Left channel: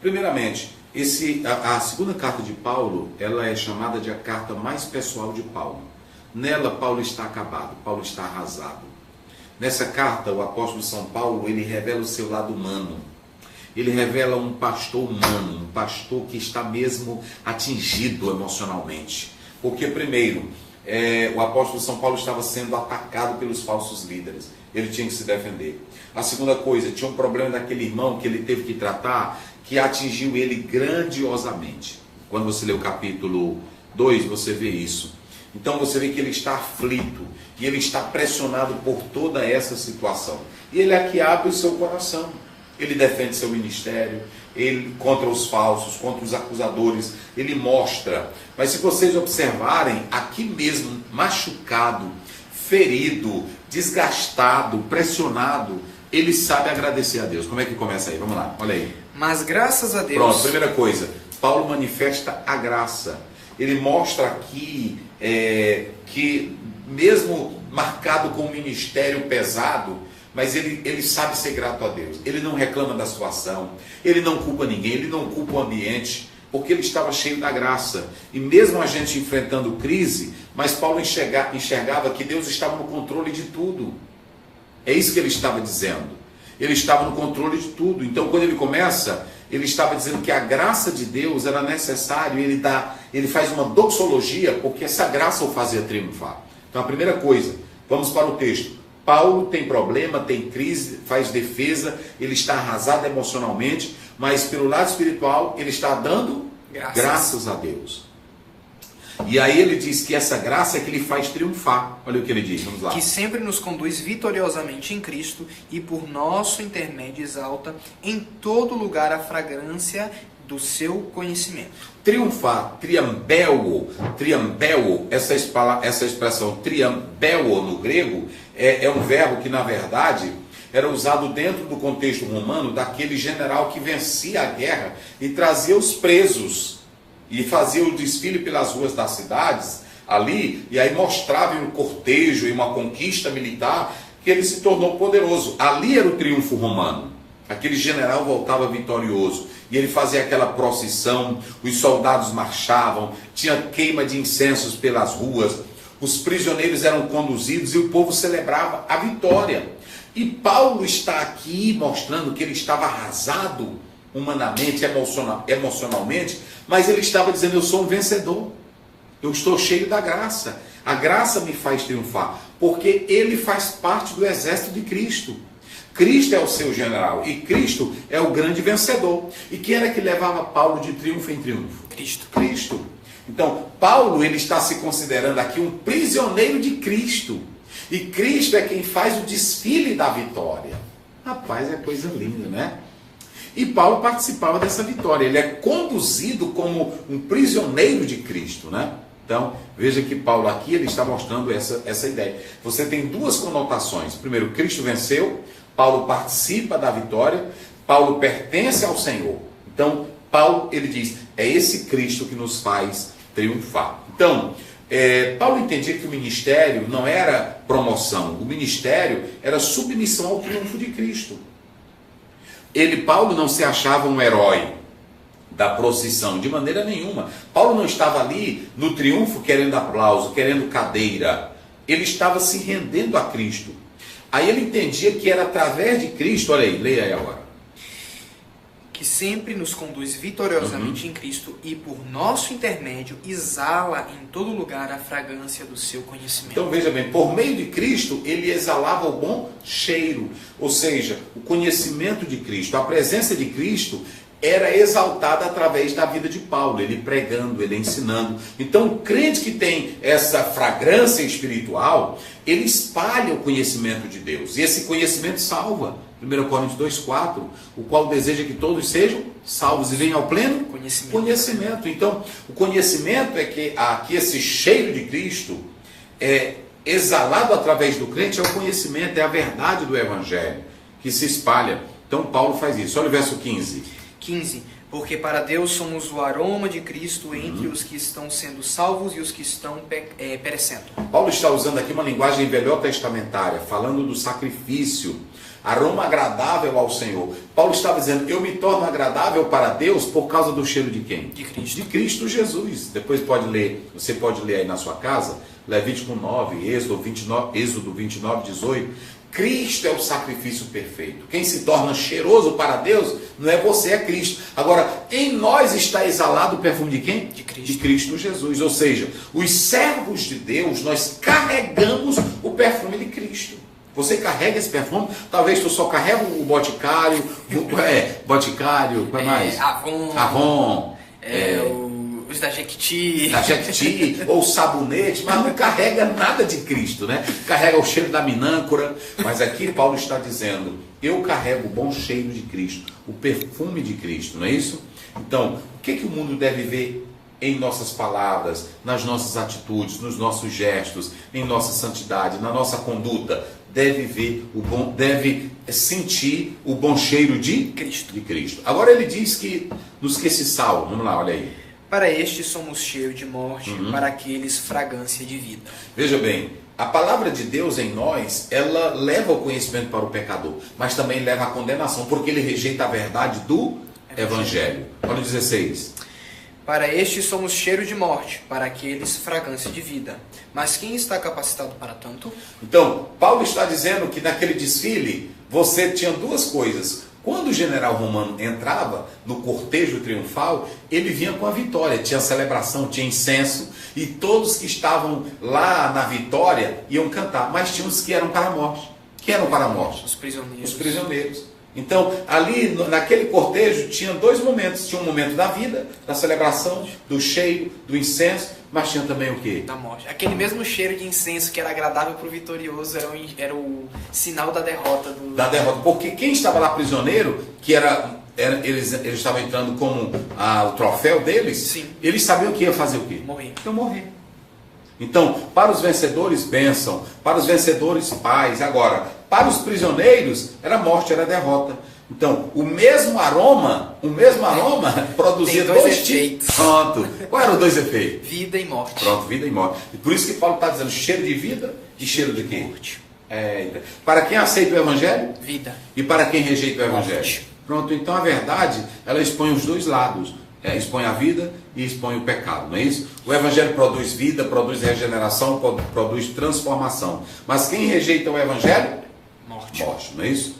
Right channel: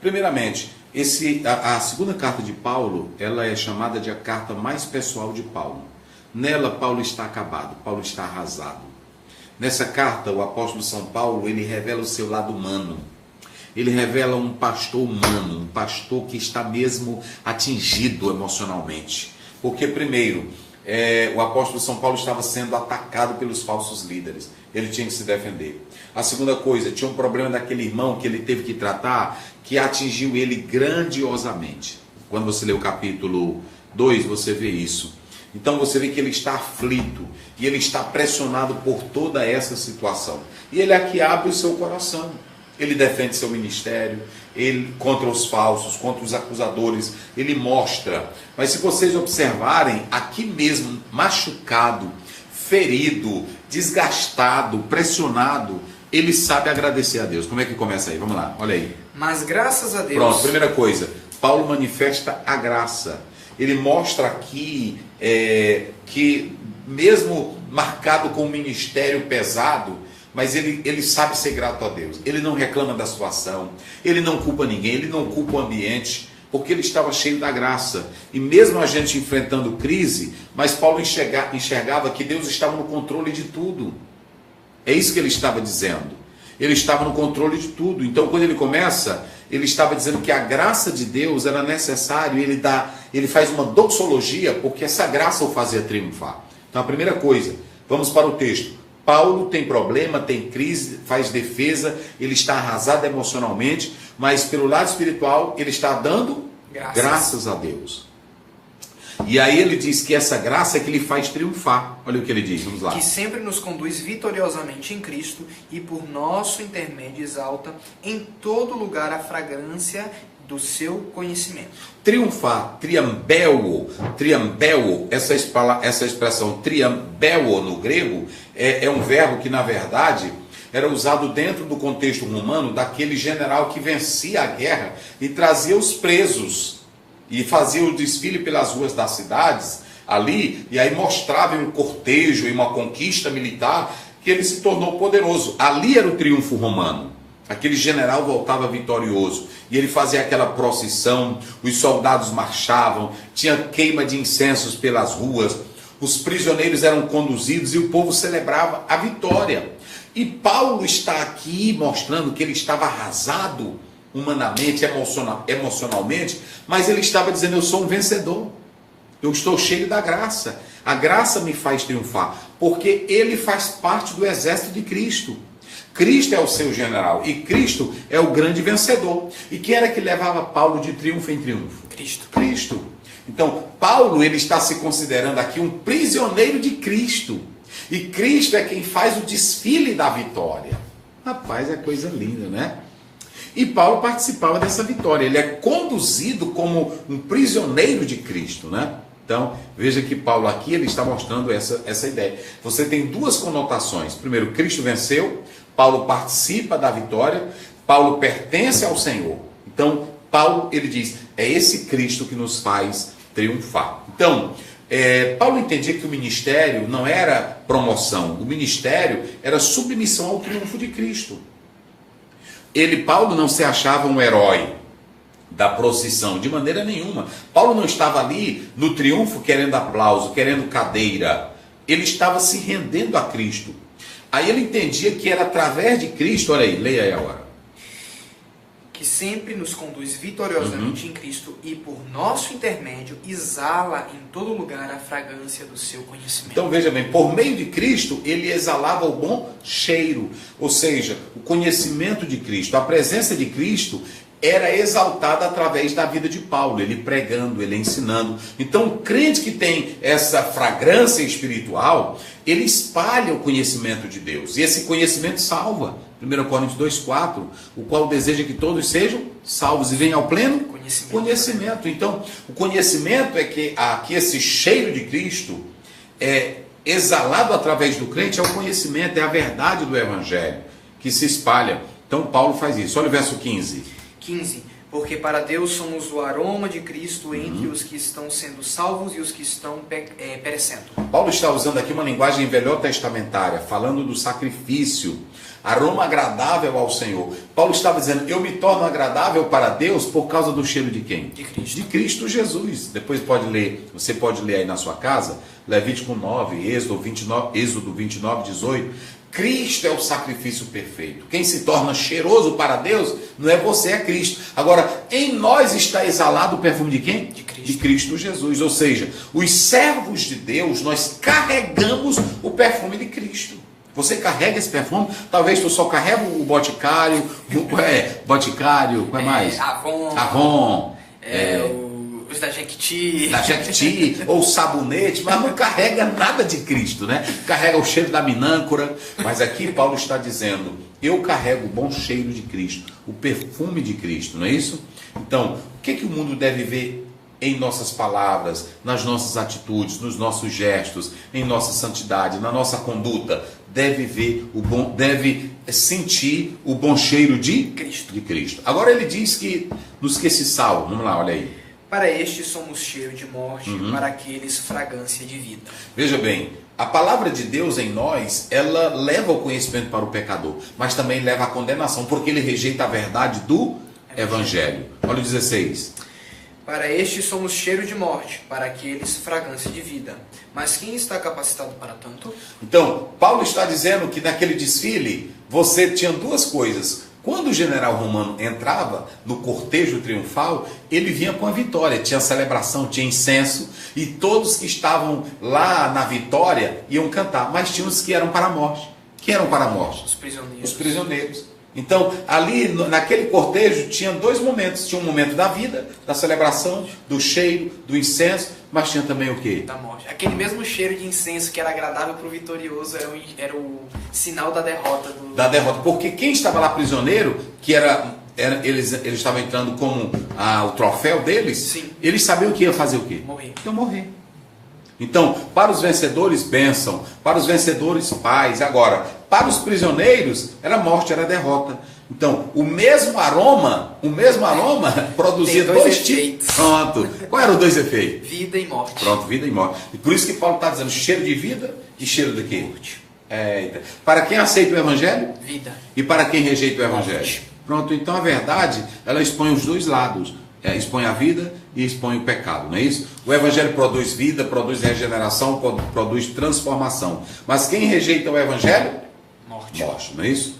Primeiramente, a segunda carta de Paulo, ela é chamada de a carta mais pessoal de Paulo. Nela, Paulo está acabado, Paulo está arrasado. Nessa carta, o apóstolo São Paulo, ele revela o seu lado humano. Ele revela um pastor humano, um pastor que está mesmo atingido emocionalmente. Porque, primeiro, o apóstolo São Paulo estava sendo atacado pelos falsos líderes. Ele tinha que se defender. A segunda coisa, tinha um problema daquele irmão que ele teve que tratar, que atingiu ele grandiosamente. Quando você lê o capítulo 2, você vê isso. Então você vê que ele está aflito e ele está pressionado por toda essa situação. E ele aqui abre o seu coração. Ele defende seu ministério, ele contra os falsos, contra os acusadores, ele mostra. Mas se vocês observarem, aqui mesmo, machucado, ferido, desgastado, pressionado, ele sabe agradecer a Deus. Como é que começa aí? Vamos lá, olha aí. Mas graças a Deus. Pronto, primeira coisa, Paulo manifesta a graça. Ele mostra aqui que mesmo marcado com um ministério pesado, mas ele sabe ser grato a Deus. Ele não reclama da situação, ele não culpa ninguém, ele não culpa o ambiente, porque ele estava cheio da graça. E mesmo a gente enfrentando crise, mas Paulo enxergava que Deus estava no controle de tudo. É isso que ele estava dizendo. Ele estava no controle de tudo. Então, quando ele começa, ele estava dizendo que a graça de Deus era necessária. Ele faz uma doxologia, porque essa graça o fazia triunfar. Então, a primeira coisa, vamos para o texto. Paulo tem problema, tem crise, faz defesa, ele está arrasado emocionalmente, mas pelo lado espiritual, ele está dando graças a Deus. E aí ele diz que essa graça é que lhe faz triunfar. Olha o que ele diz, vamos lá. Que sempre nos conduz vitoriosamente em Cristo e por nosso intermédio exalta em todo lugar a fragrância do seu conhecimento. Triunfar, triambeo, essa expressão triambeo no grego é um verbo que na verdade era usado dentro do contexto romano daquele general que vencia a guerra e trazia os presos e fazia o desfile pelas ruas das cidades ali, e aí mostrava em um cortejo, em uma conquista militar, que ele se tornou poderoso. Ali era o triunfo romano. Aquele general voltava vitorioso e ele fazia aquela procissão, os soldados marchavam, tinha queima de incensos pelas ruas, os prisioneiros eram conduzidos e o povo celebrava a vitória. E Paulo está aqui mostrando que ele estava arrasado humanamente, emocionalmente, mas ele estava dizendo: eu sou um vencedor, eu estou cheio da graça, a graça me faz triunfar, porque ele faz parte do exército de Cristo. Cristo é o seu general e Cristo é o grande vencedor. E quem era que levava Paulo de triunfo em triunfo? Cristo. Então, Paulo, ele está se considerando aqui um prisioneiro de Cristo. E Cristo é quem faz o desfile da vitória. Rapaz, é coisa linda, né? E Paulo participava dessa vitória. Ele é conduzido como um prisioneiro de Cristo, né? Então, veja que Paulo aqui, ele está mostrando essa ideia. Você tem duas conotações. Primeiro, Cristo venceu, Paulo participa da vitória, Paulo pertence ao Senhor. Então, Paulo, ele diz, é esse Cristo que nos faz triunfar. Então, Paulo entendia que o ministério não era promoção, o ministério era submissão ao triunfo de Cristo. Paulo não se achava um herói da procissão, de maneira nenhuma. Paulo não estava ali no triunfo querendo aplauso, querendo cadeira. Ele estava se rendendo a Cristo. Aí ele entendia que era através de Cristo, olha aí, leia aí agora. Que sempre nos conduz vitoriosamente em Cristo e por nosso intermédio exala em todo lugar a fragrância do seu conhecimento. Então veja bem, por meio de Cristo ele exalava o bom cheiro, ou seja, o conhecimento de Cristo, a presença de Cristo era exaltada através da vida de Paulo, ele pregando, ele ensinando. Então o crente que tem essa fragrância espiritual, ele espalha o conhecimento de Deus, e esse conhecimento salva. 1 Coríntios 2,4, o qual deseja que todos sejam salvos e venham ao pleno conhecimento. Então, o conhecimento é que esse cheiro de Cristo é exalado através do crente, é o conhecimento, é a verdade do Evangelho que se espalha. Então, Paulo faz isso. Olha o verso 15. Porque para Deus somos o aroma de Cristo entre os que estão sendo salvos e os que estão perecendo. Paulo está usando aqui uma linguagem velhotestamentária, falando do sacrifício, aroma agradável ao Senhor. Paulo estava dizendo, eu me torno agradável para Deus por causa do cheiro de quem? De Cristo. De Cristo Jesus. Depois você pode ler aí na sua casa, Levítico 9, Êxodo 29, 18. Cristo é o sacrifício perfeito. Quem se torna cheiroso para Deus não é você, é Cristo. Agora, em nós está exalado o perfume de quem? De Cristo. De Cristo Jesus. Ou seja, os servos de Deus, nós carregamos o perfume de Cristo. Você carrega esse perfume? Talvez tu só carrega o Boticário, Boticário, qual é mais? Avon. Os da Jequiti. Ou sabonete, mas não carrega nada de Cristo, né? Carrega o cheiro da minâncora. Mas aqui Paulo está dizendo, eu carrego o bom cheiro de Cristo, o perfume de Cristo, não é isso? Então, o que o mundo deve ver em nossas palavras, nas nossas atitudes, nos nossos gestos, em nossa santidade, na nossa conduta? Deve sentir o bom cheiro de Cristo. Agora ele diz que nos que se salvam, vamos lá, olha aí. Para estes somos cheio de morte, para aqueles fragrância de vida. Veja bem, a palavra de Deus em nós, ela leva o conhecimento para o pecador, mas também leva a condenação, porque ele rejeita a verdade do Evangelho. Olha o 16. Para estes somos cheiro de morte, para aqueles fragrância de vida. Mas quem está capacitado para tanto? Então, Paulo está dizendo que naquele desfile, você tinha duas coisas. Quando o general romano entrava no cortejo triunfal, ele vinha com a vitória. Tinha celebração, tinha incenso, e todos que estavam lá na vitória iam cantar. Mas tinha os que eram para a morte. Quem eram para a morte? Os prisioneiros. Os prisioneiros. Então, ali naquele cortejo, tinha dois momentos. Tinha um momento da vida, da celebração, do cheiro, do incenso, mas tinha também o quê? Da morte. Aquele mesmo cheiro de incenso que era agradável para o vitorioso era o sinal da derrota. Da derrota. Porque quem estava lá prisioneiro, que eles estavam entrando como o troféu deles, sim, eles sabiam que ia fazer o quê? Morrer. Iam morrer. Então, para os vencedores, bênção. Para os vencedores, paz. Agora, para os prisioneiros, era morte, era derrota. Então, o mesmo aroma produzia dois efeitos. Pronto. Qual eram os dois efeitos? Vida e morte. Pronto, vida e morte. E por isso que Paulo está dizendo cheiro de vida e cheiro de quê? Morte. Para quem aceita o Evangelho? Vida. E para quem rejeita o Evangelho? Morte. Pronto, então a verdade, ela expõe os dois lados. Expõe a vida e expõe o pecado, não é isso? O Evangelho produz vida, produz regeneração, produz transformação. Mas quem rejeita o Evangelho? Morte. Não é isso?